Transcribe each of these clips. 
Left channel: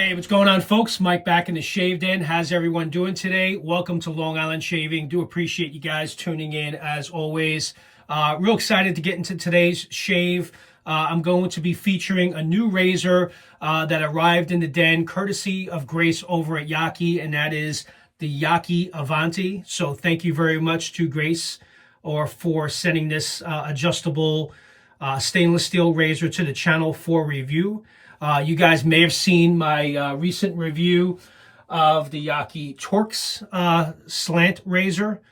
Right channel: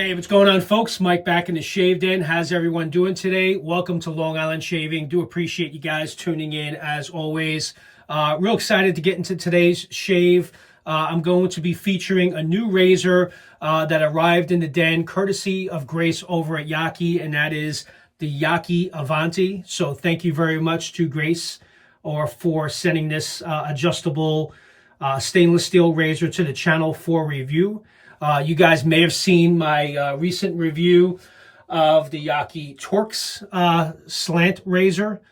Hey, what's going on, folks? Mike back in the Shave Den. How's everyone doing today? Welcome to Long Island Shaving. Do appreciate you guys tuning in as always. Real excited to get into today's shave. I'm going to be featuring a new razor that arrived in the den courtesy of Grace over at YAQI, and that is the YAQI Avanti. So thank you very much to Grace for sending this adjustable stainless steel razor to the channel for review. You guys may have seen my recent review of the YAQI Torx slant razor,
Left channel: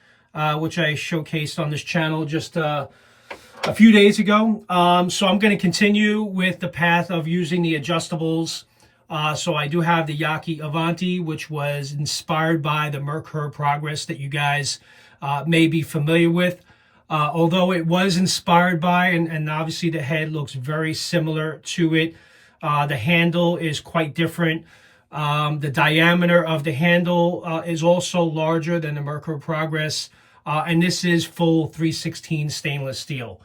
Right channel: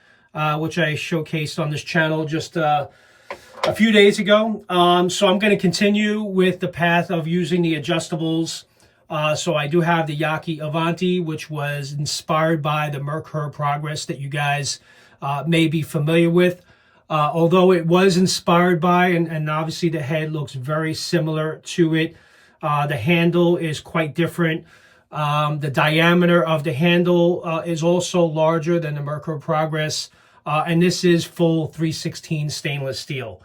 which I showcased on this channel just a few days ago. So I'm going to continue with the path of using the adjustables. So I do have the YAQI Avanti, which was inspired by the Merkur Progress that you guys may be familiar with. Although it was inspired by, and obviously the head looks very similar to it. The handle is quite different. The diameter of the handle is also larger than the Merkur Progress. And this is full 316 stainless steel.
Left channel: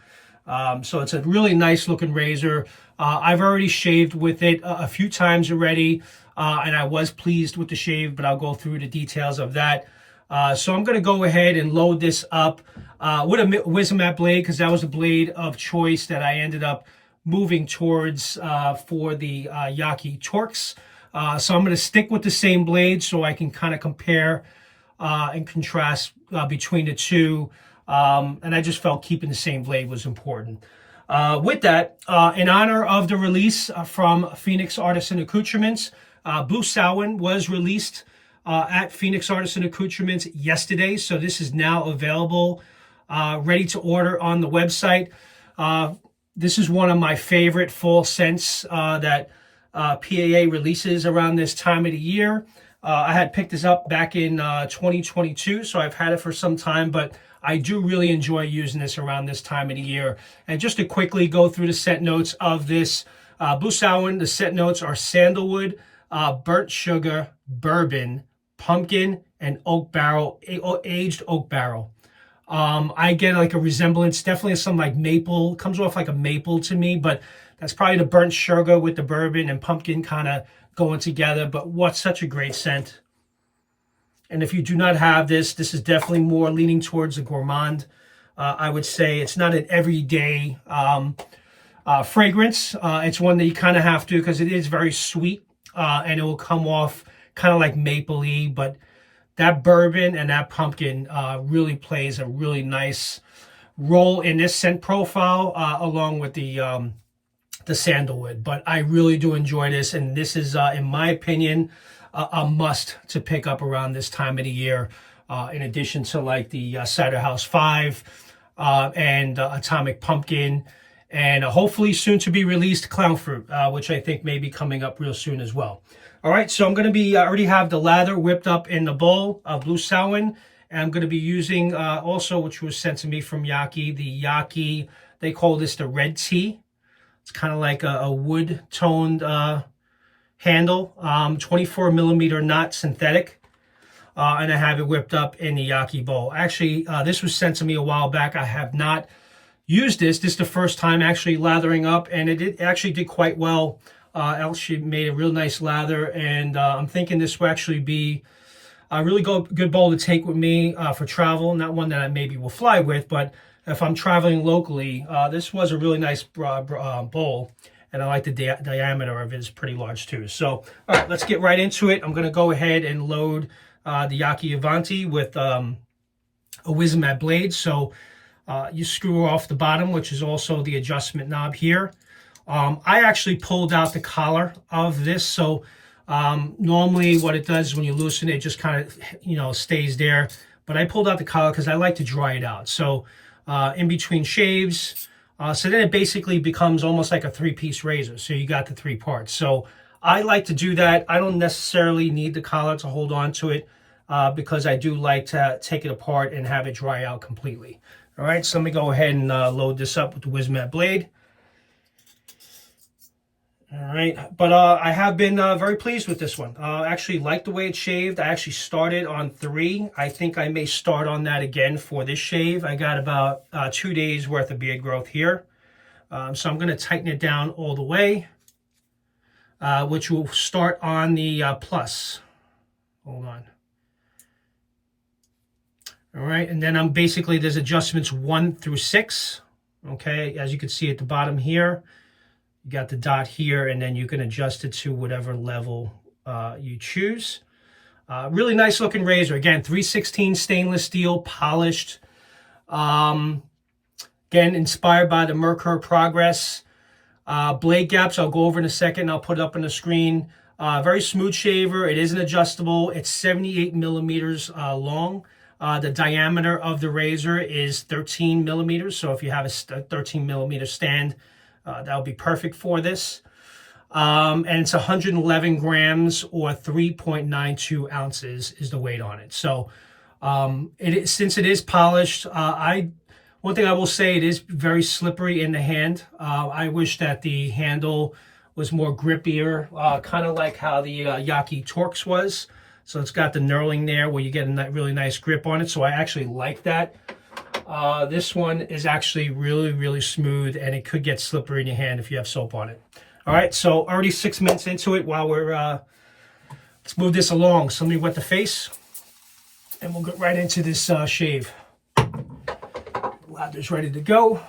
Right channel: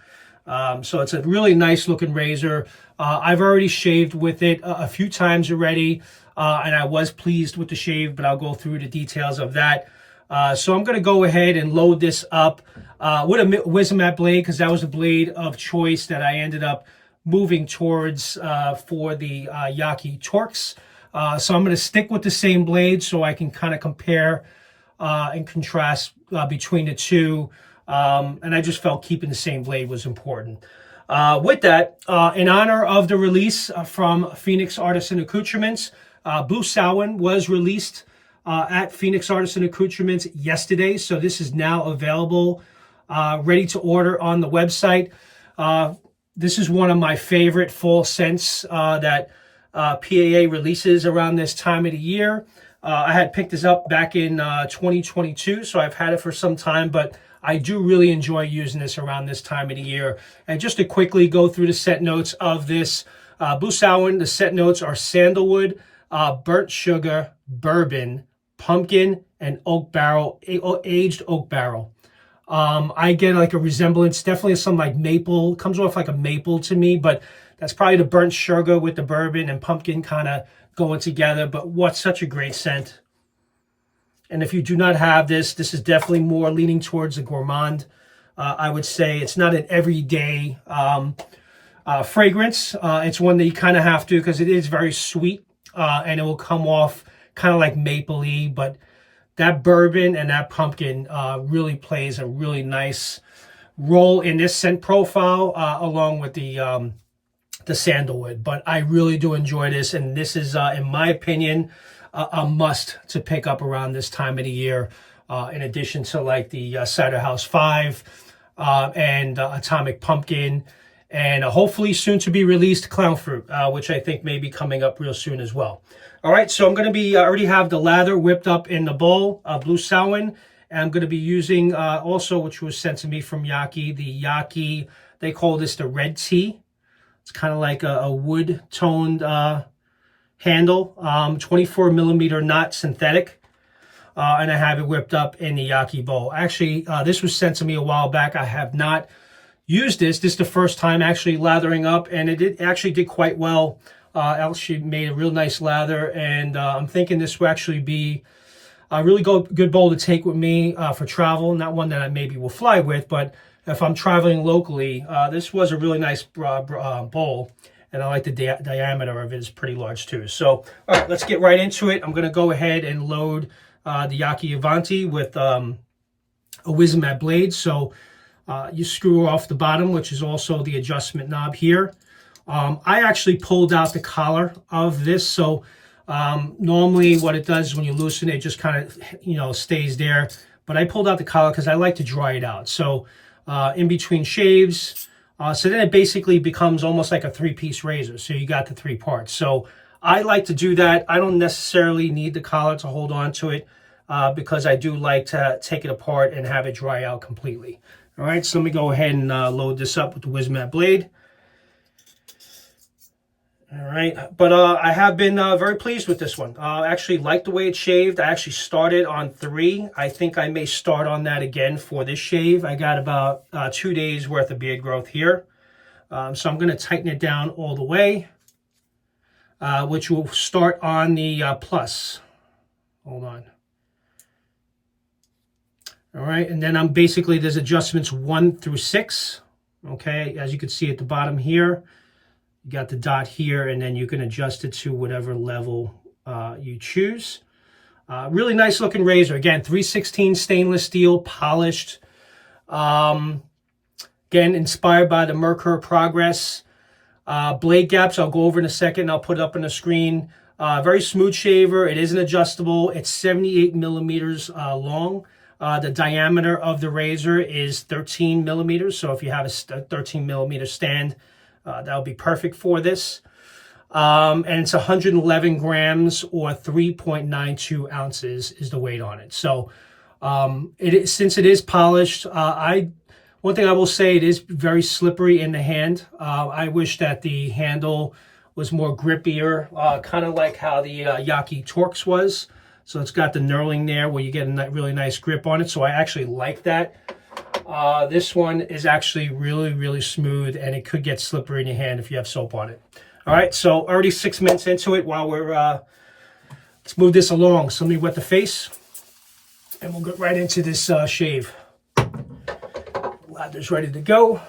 So it's a really nice looking razor. I've already shaved with it a few times already. And I was pleased with the shave, but I'll go through the details of that. So I'm going to go ahead and load this up with a Wismat blade, because that was a blade of choice that I ended up moving towards for the YAQI Torx. So I'm going to stick with the same blade so I can kind of compare and contrast between the two. And I just felt keeping the same blade was important. With that, in honor of the release from Phoenix Artisan Accoutrements, Blue Samhain was released at Phoenix Artisan Accoutrements yesterday. So this is now available, ready to order on the website. This is one of my favorite fall scents that PAA releases around this time of the year. I had picked this up back in 2022, so I've had it for some time, but I do really enjoy using this around this time of the year. And just to quickly go through the scent notes of this Blue Samhain, the scent notes are sandalwood, burnt sugar, bourbon, pumpkin, and oak barrel, aged oak barrel. I get like a resemblance, definitely some like maple, comes off like a maple to me, but that's probably the burnt sugar with the bourbon and pumpkin kind of going together. But what's such a great scent. And if you do not have this, this is definitely more leaning towards a gourmand. I would say it's not an everyday fragrance. It's one that you kind of have to, because it is very sweet and it will come off kind of like maple-y, but that bourbon and that pumpkin really plays a really nice role in this scent profile, along with the sandalwood. But I really do enjoy this, and this is, in my opinion, a must to pick up around this time of the year, in addition to like the Cider House 5 and Atomic Pumpkin, and hopefully soon to be released Clown Fruit, which I think may be coming up real soon as well. All right, so I'm going to be, I already have the lather whipped up in the bowl of Blue Samhain. And I'm going to be using also, which was sent to me from YAQI, the YAQI, they call this the red tea. It's kind of like a wood-toned handle, 24 millimeter knot synthetic. And I have it whipped up in the YAQI bowl. Actually, this was sent to me a while back. I have not used this. This is the first time actually lathering up, and it actually did quite well. She made a real nice lather, and I'm thinking this will actually be a really good bowl to take with me for travel. Not one that I maybe will fly with, but if I'm traveling locally, this was a really nice bowl, and I like the diameter of it is pretty large too. So, all right, let's get right into it. I'm going to go ahead and load the YAQI Avanti with a Wismat blade. So you screw off the bottom, which is also the adjustment knob here. I actually pulled out the collar of this, so normally what it does when you loosen it, just kind of, stays there. But I pulled out the collar because I like to dry it out. So in between shaves, so then it basically becomes almost like a three-piece razor. So you got the three parts. So I like to do that. I don't necessarily need the collar to hold on to it because I do like to take it apart and have it dry out completely. All right, so let me go ahead and load this up with the Wismat blade. All right, but I have been very pleased with this one. I actually like the way it's shaved. I actually started on 3. I think I may start on that again for this shave. I got about 2 days worth of beard growth here. So I'm going to tighten it down all the way. which will start on the plus. Hold on. All right, and then I'm basically, there's adjustments 1 through 6. Okay, as you can see at the bottom here, you got the dot here, and then you can adjust it to whatever level you choose. Really nice looking razor. Again, 316 stainless steel, polished. Again, inspired by the Merkur Progress. Blade gaps, I'll go over in a second. I'll put it up on the screen. Very smooth shaver. It is an adjustable. It's 78 millimeters long. The diameter of the razor is 13 millimeters. So if you have a 13 millimeter stand, that'll be perfect for this. And it's 111 grams or 3.92 ounces is the weight on it. So since it is polished, one thing I will say, it is very slippery in the hand. I wish that the handle was more grippier, kind of like how the YAQI Torx was. So it's got the knurling there where you get a really nice grip on it. So I actually like that. This one is actually really, really smooth, and it could get slippery in your hand if you have soap on it. All right, so already 6 minutes into it. While we're, let's move this along. So let me wet the face, and we'll get right into this shave. Lather's ready to go.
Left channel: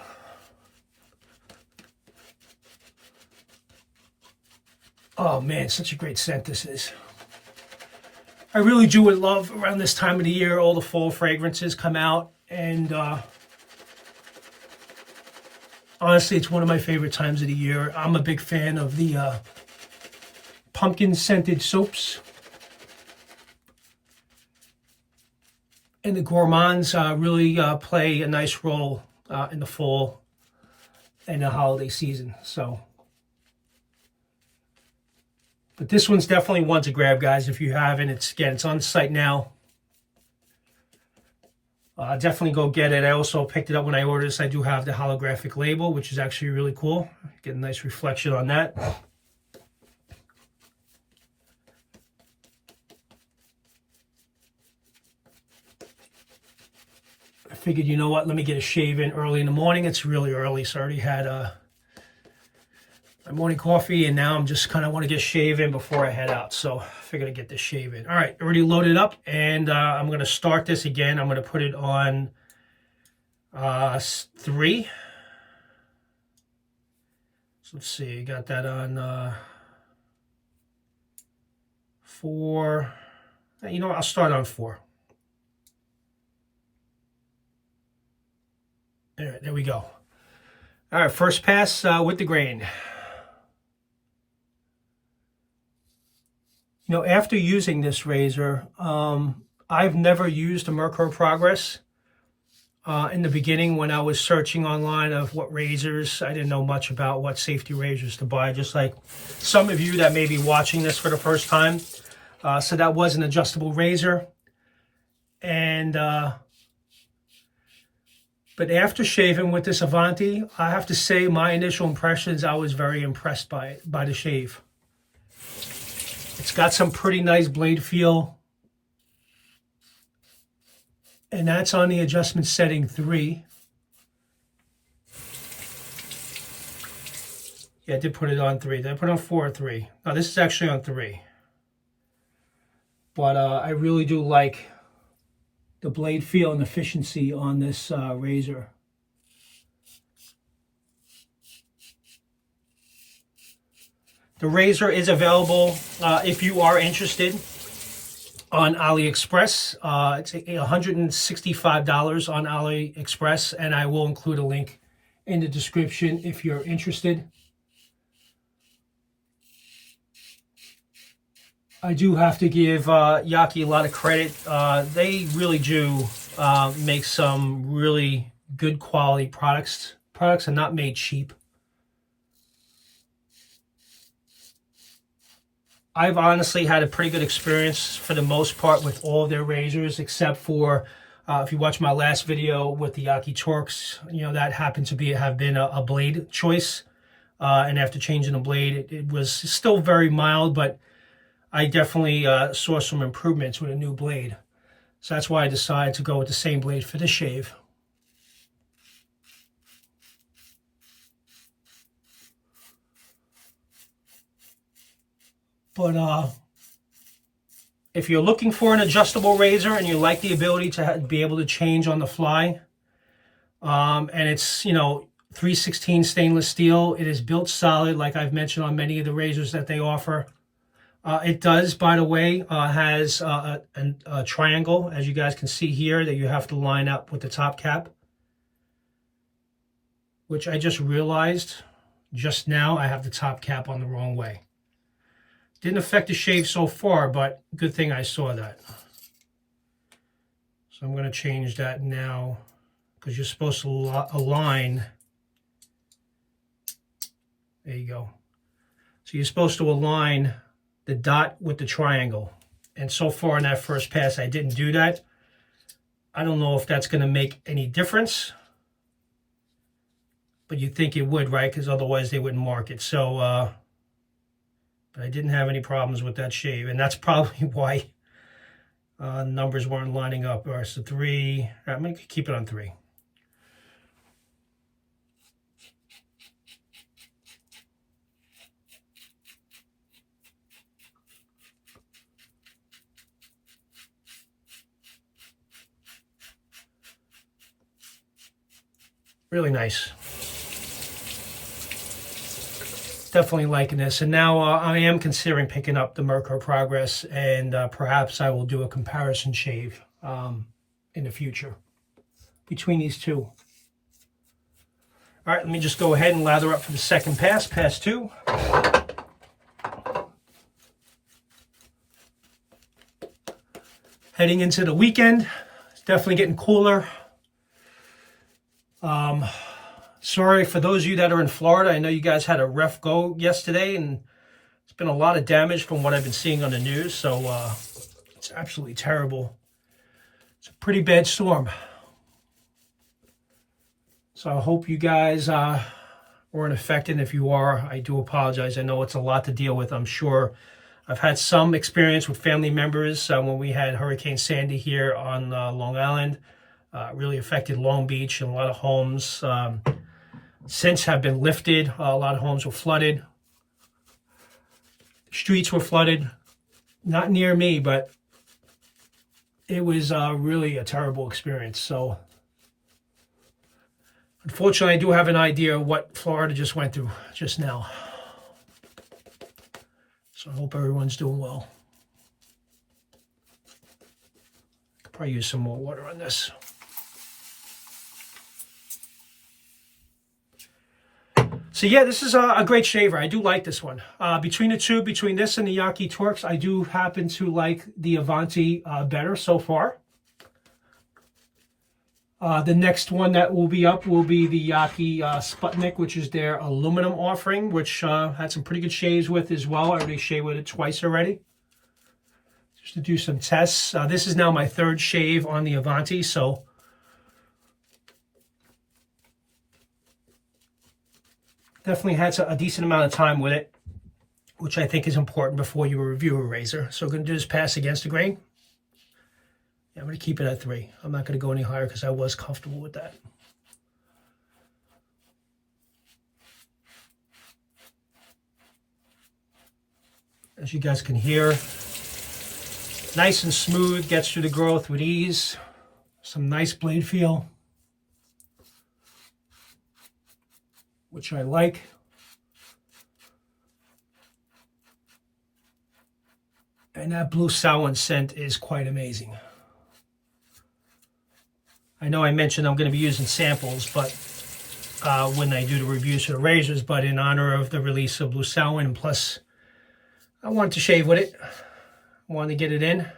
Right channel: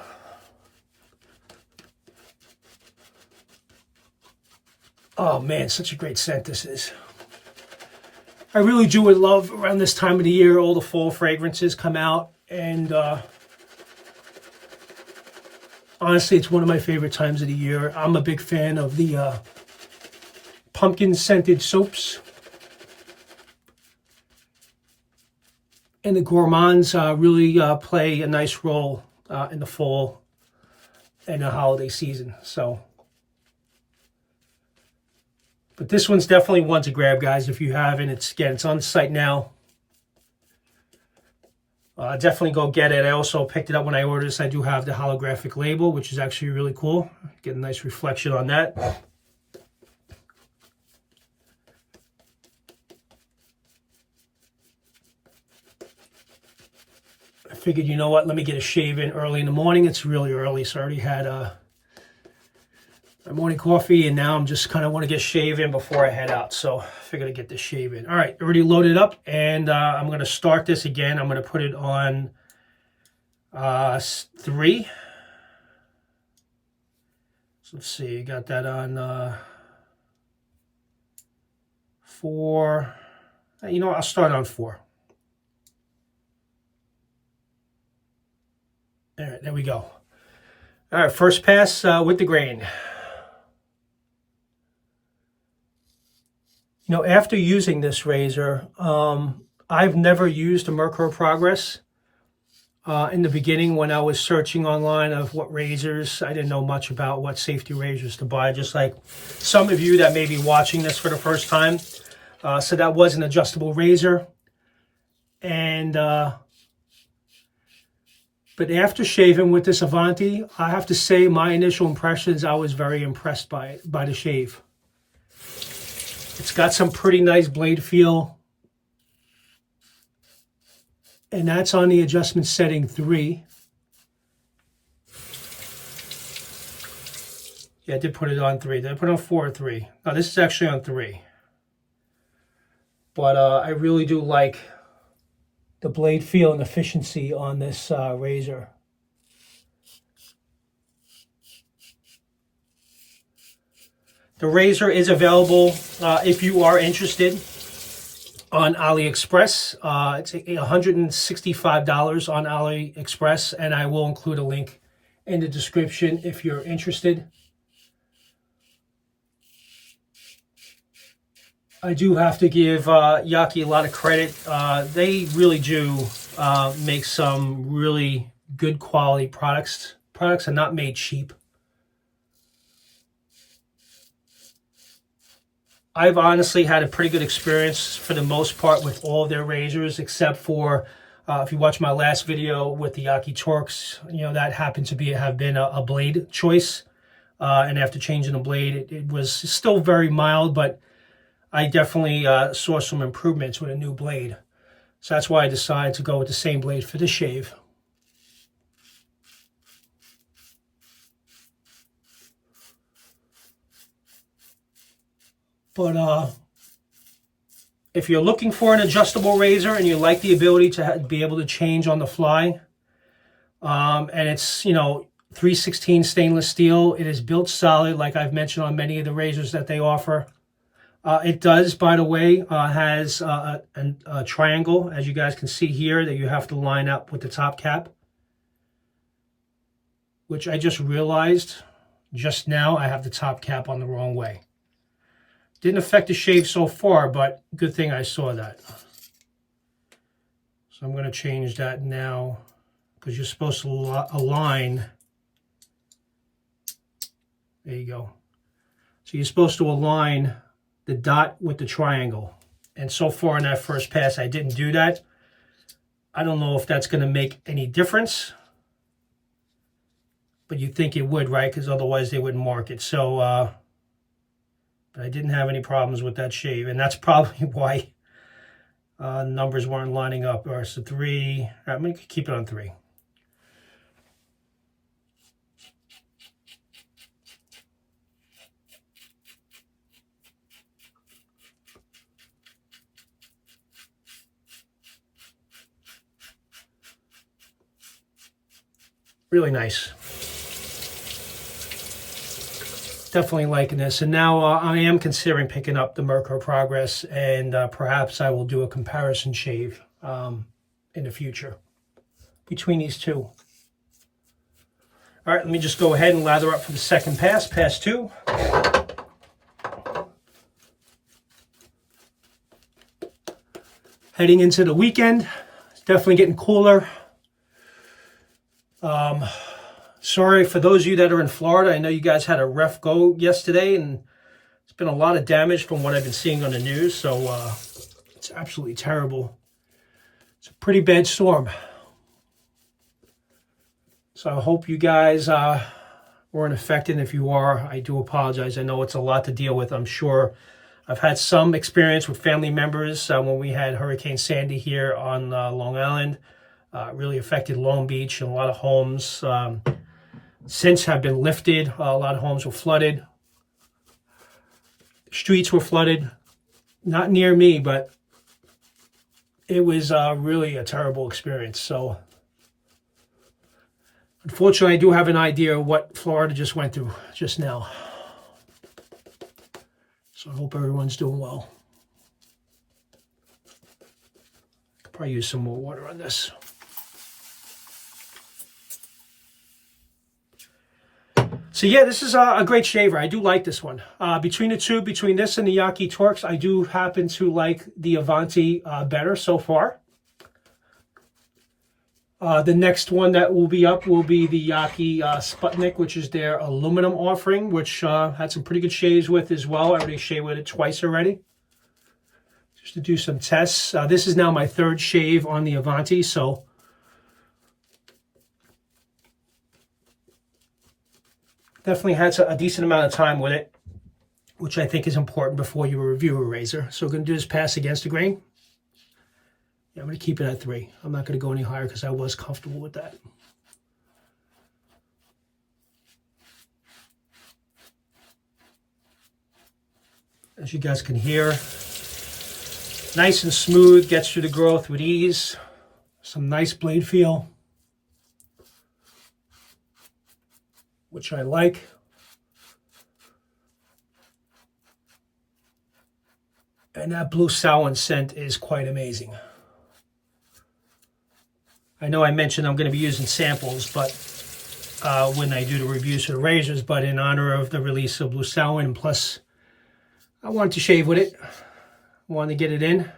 Oh man, such a great scent this is. I really do love around this time of the year, all the fall fragrances come out, and honestly, it's one of my favorite times of the year. I'm a big fan of the pumpkin scented soaps. And the gourmands really play a nice role in the fall and the holiday season. So, but this one's definitely one to grab, guys. If you haven't, it's on the site now. Definitely go get it. I also picked it up when I ordered this. I do have the holographic label, which is actually really cool. Get a nice reflection on that. I figured, you know what, let me get a shave in early in the morning. It's really early, so I already had my morning coffee, and now I'm just kind of want to get shave in before I head out. So I figured I'd get this shave in. All right, already loaded up, and I'm going to start this again. I'm going to put it on 3. So let's see, got that on 4. You know what, I'll start on 4. All right, there we go. All right, first pass with the grain. You know, after using this razor, I've never used a Merkur Progress. In the beginning, when I was searching online of what razors, I didn't know much about what safety razors to buy, just like some of you that may be watching this for the first time. So that was an adjustable razor. And but after shaving with this Avanti, I have to say my initial impressions, I was very impressed by it, by the shave. It's got some pretty nice blade feel. And that's on the adjustment setting 3. Yeah, I did put it on 3. Did I put it on 4 or 3? No, this is actually on 3. But I really do like the blade feel and efficiency on this razor. The razor is available if you are interested on AliExpress. It's $165 on AliExpress, and I will include a link in the description if you're interested. I do have to give YAQI a lot of credit. They really do make some really good quality products. Products are not made cheap. I've honestly had a pretty good experience for the most part with all of their razors, except for if you watch my last video with the YAQI Torx, you know, that happened to have been a blade choice. And after changing the blade, it was still very mild, but I definitely saw some improvements with a new blade. So that's why I decided to go with the same blade for this shave. But if you're looking for an adjustable razor and you like the ability to be able to change on the fly, and it's, you know, 316 stainless steel, it is built solid, like I've mentioned on many of the razors that they offer. It does, by the way, has a triangle, as you guys can see here, that you have to line up with the top cap, which I just realized just now I have the top cap on the wrong way. Didn't affect the shave so far, but good thing I saw that. So I'm going to change that now, because you're supposed to align. There you go. So you're supposed to align the dot with the triangle. And so far in that first pass, I didn't do that. I don't know if that's going to make any difference. But you'd think it would, right? Because otherwise they wouldn't mark it. So, but I didn't have any problems with that shave. And that's probably why numbers weren't lining up. Or so 3. I'm going to keep it on 3. Really nice. Definitely liking this. And now I am considering picking up the Merkur Progress, and perhaps I will do a comparison shave in the future between these two. All right, let me just go ahead and lather up for the second pass, pass 2. Heading into the weekend, it's definitely getting cooler. Sorry for those of you that are in Florida. I know you guys had a rough go yesterday, and it's been a lot of damage from what I've been seeing on the news. So it's absolutely terrible. It's a pretty bad storm. So I hope you guys weren't affected. If you are, I do apologize. I know it's a lot to deal with. I'm sure I've had some experience with family members when we had Hurricane Sandy here on Long Island. Really affected Long Beach, and a lot of homes since have been lifted. A lot of homes were flooded. Streets were flooded. Not near me, but it was really a terrible experience. So unfortunately, I do have an idea of what Florida just went through just now. So I hope everyone's doing well. Could probably use some more water on this. So yeah, this is a great shaver. I do like this one. Between the two, between this and the YAQI Torx, I do happen to like the Avanti better so far. The next one that will be up will be the YAQI Sputnik, which is their aluminum offering, which had some pretty good shaves with as well. I already shaved with it twice already, just to do some tests. This is now my 3rd shave on the Avanti, so definitely had a decent amount of time with it, which I think is important before you review a razor. So we're going to do this pass against the grain. Yeah, I'm going to keep it at 3. I'm not going to go any higher because I was comfortable with that. As you guys can hear, nice and smooth, gets through the growth with ease. Some nice blade feel, which I like. And that Blue Samhain scent is quite amazing. I know I mentioned I'm going to be using samples, but when I do the reviews for the razors, but in honor of the release of Blue Samhain, plus I wanted to shave with it. I wanted to get it in.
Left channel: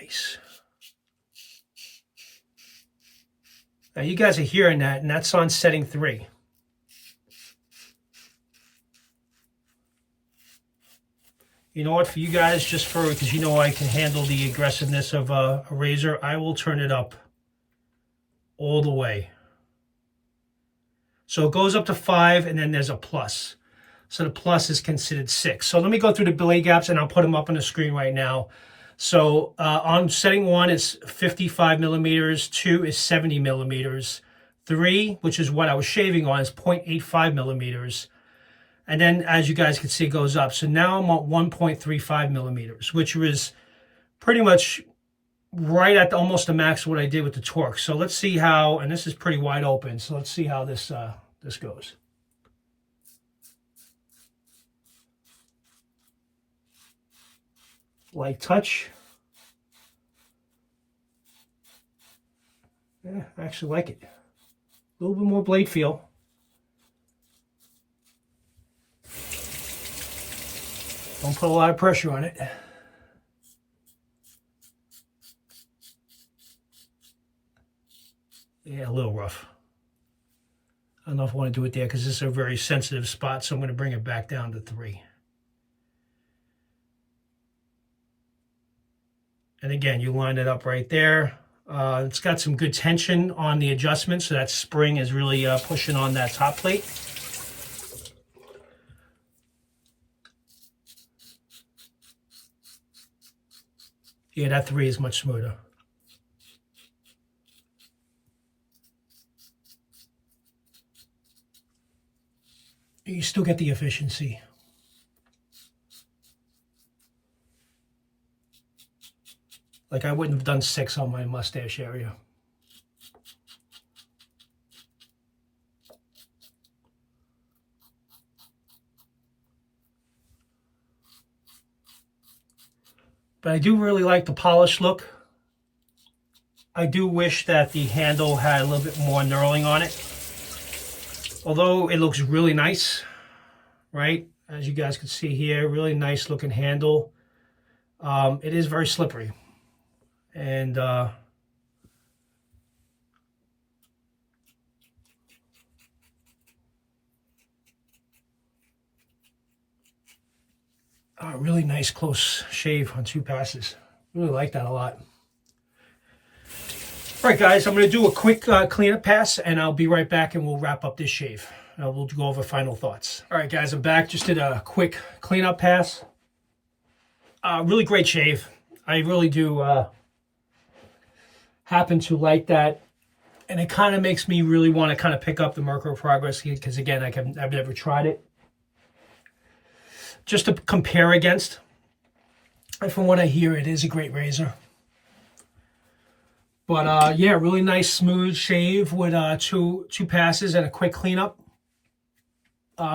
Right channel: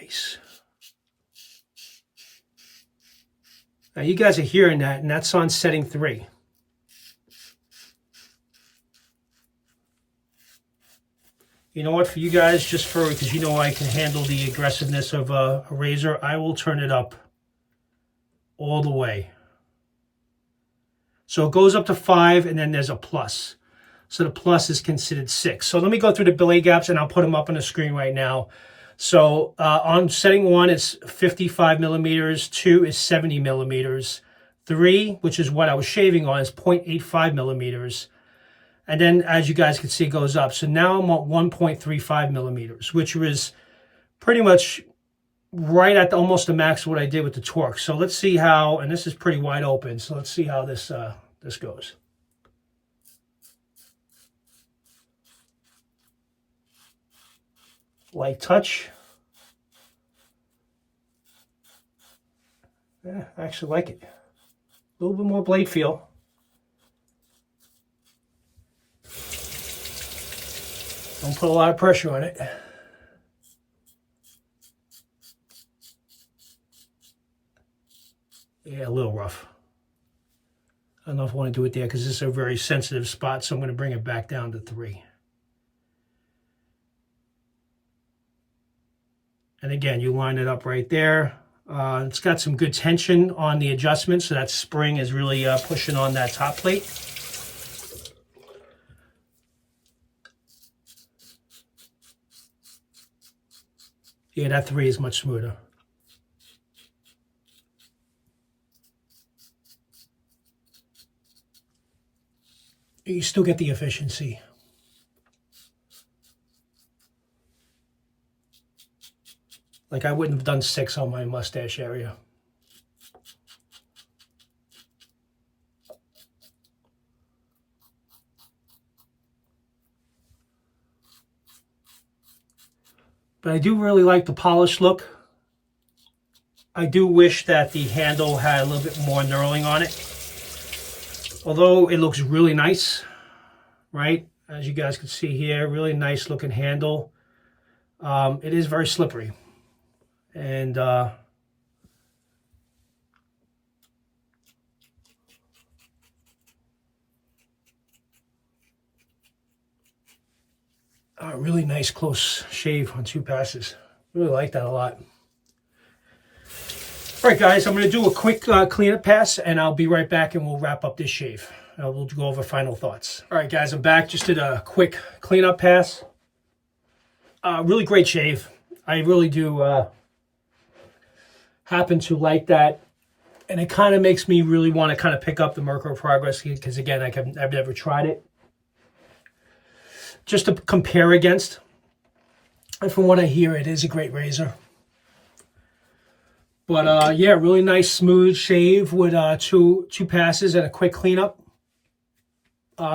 Nice. Now you guys are hearing that, and that's on setting 3. You know what, for you guys, just for, because you know I can handle the aggressiveness of a razor, I will turn it up all the way. So it goes up to 5, and then there's a plus. So the plus is considered 6. So let me go through the blade gaps, and I'll put them up on the screen right now. So on setting 1, it's 55 millimeters. 2 is 70 millimeters. 3, which is what I was shaving on, is 0.85 millimeters. And then, as you guys can see, it goes up. So now I'm at 1.35 millimeters, which was pretty much right at almost the max of what I did with the torque. So let's see how, and this is pretty wide open, so let's see how this this goes. Light touch. Yeah, I actually like it. A little bit more blade feel. Don't put a lot of pressure on it. Yeah, a little rough. I don't know if I want to do it there because this is a very sensitive spot, so I'm going to bring it back down to 3. And again, you line it up right there. It's got some good tension on the adjustment, so that spring is really pushing on that top plate. Yeah, that 3 is much smoother. You still get the efficiency. Like I wouldn't have done 6 on my mustache area. But I do really like the polished look. I do wish that the handle had a little bit more knurling on it. Although it looks really nice, right? As you guys can see here, really nice looking handle. It is very slippery. And a really nice close shave on 2 passes. Really like that a lot. All right, guys, I'm going to do a quick cleanup pass, and I'll be right back, and we'll wrap up this shave. We'll go over final thoughts. All right, guys, I'm back. Just did a quick cleanup pass. Really great shave. I really do happen to like that, and it kind of makes me really want to kind of pick up the Mercury Progress because, again, I've never tried it. Just to compare against, and from what I hear, it is a great razor. But yeah, really nice smooth shave with two passes and a quick cleanup.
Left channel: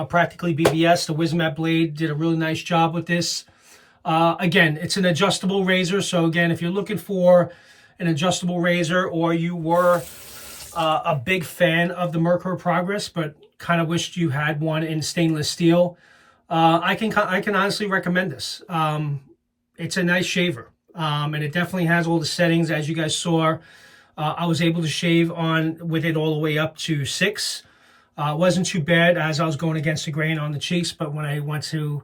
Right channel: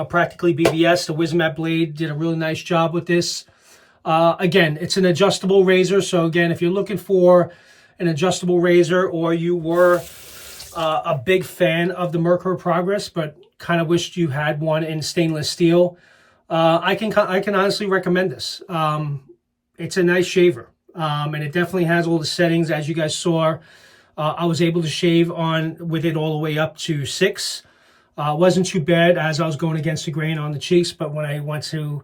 Practically BBS. The Wismat blade did a really nice job with this. Again, it's an adjustable razor. So again, if you're looking for an adjustable razor, or you were a big fan of the Mercury Progress but kind of wished you had one in stainless steel, I can honestly recommend this. It's a nice shaver. And it definitely has all the settings. As you guys saw, I was able to shave with it all the way up to 6. Wasn't too bad as I was going against the grain on the cheeks, but when I went to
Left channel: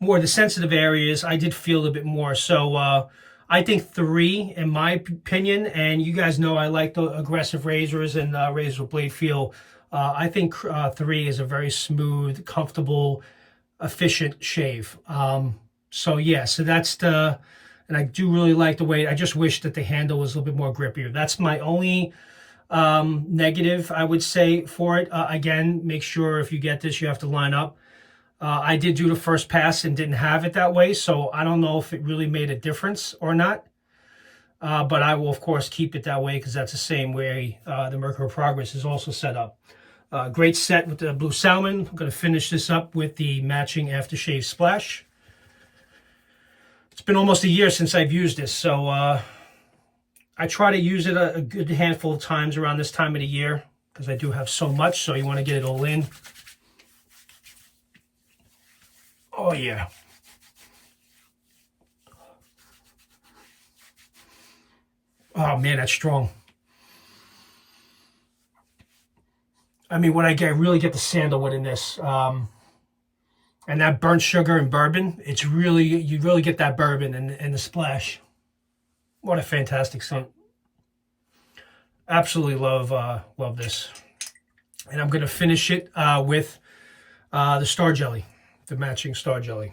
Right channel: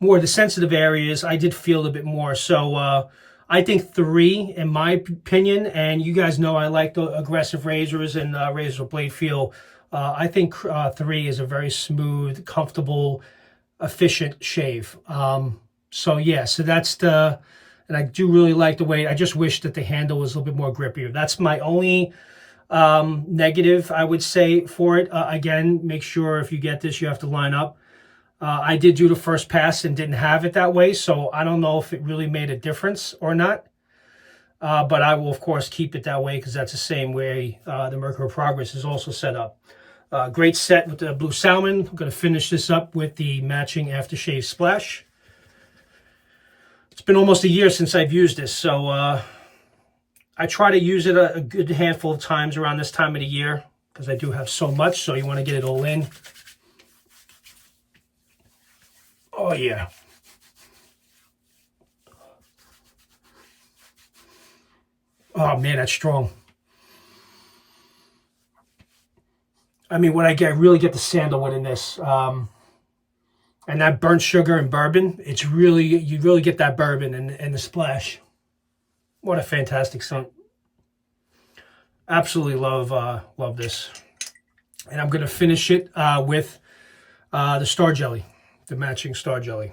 more of the sensitive areas, I did feel a bit more. So I think 3, in my opinion, and you guys know I like the aggressive razors and razors with blade feel. I think 3 is a very smooth, comfortable, efficient shave. So yeah, so that's the... And I do really like the way, I just wish that the handle was a little bit more grippier. That's my only negative, I would say, for it. Again, make sure if you get this, you have to line up. I did do the first pass and didn't have it that way, so I don't know if it really made a difference or not. But I will, of course, keep it that way because that's the same way the Mercury Progress is also set up. Great set with the Blue Salmon. I'm going to finish this up with the matching aftershave splash. It's been almost a year since I've used this, so I try to use it a good handful of times around this time of the year because I do have so much, so you want to get it all in. Oh, yeah. Oh, man, that's strong. I mean, what I really get the sandalwood in this. And that burnt sugar and bourbon, it's really, you really get that bourbon and the splash. What a fantastic scent. Absolutely love this. And I'm going to finish it with the Star Jelly, the matching Star Jelly.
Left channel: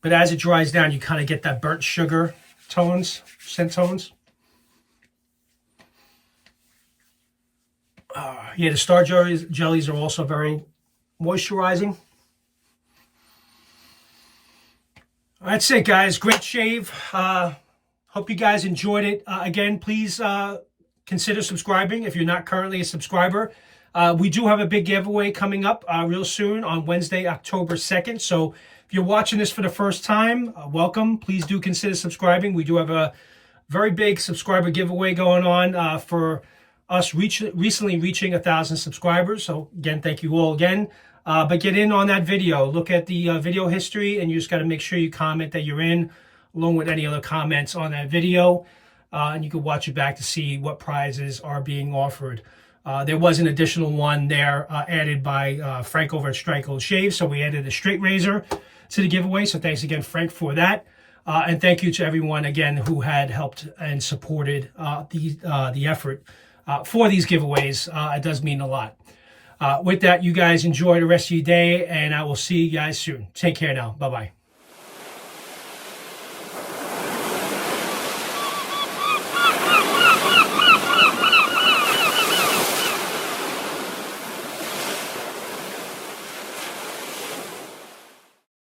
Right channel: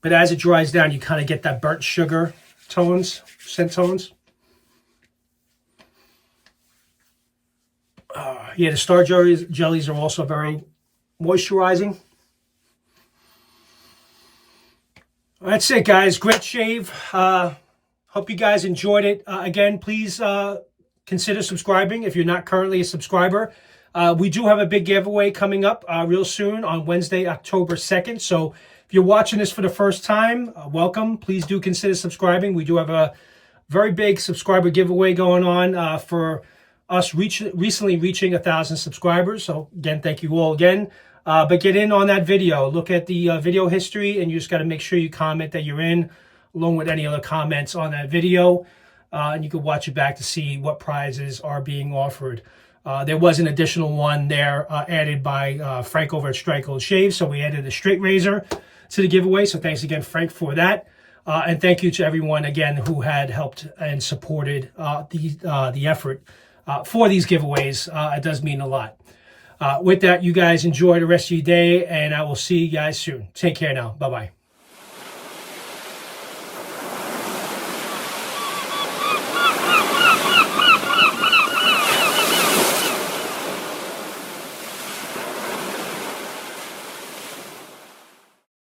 But as it dries down, you kind of get that burnt sugar tones, scent tones. Yeah, the Star jellies are also very moisturizing. That's it, guys. Great shave. Hope you guys enjoyed it. Again, please consider subscribing if you're not currently a subscriber. We do have a big giveaway coming up real soon on Wednesday, October 2nd. So if you're watching this for the first time, welcome. Please do consider subscribing. We do have a very big subscriber giveaway going on for us recently reaching 1,000 subscribers. So again, thank you all again. But get in on that video. Look at the video history, and you just got to make sure you comment that you're in, along with any other comments on that video. And you can watch it back to see what prizes are being offered. There was an additional one there added by Frank over at Strike Gold Shave. So we added a straight razor to the giveaway. So thanks again, Frank, for that. And thank you to everyone, again, who had helped and supported the effort for these giveaways. It does mean a lot. With that, you guys enjoy the rest of your day, and I will see you guys soon. Take care now. Bye-bye.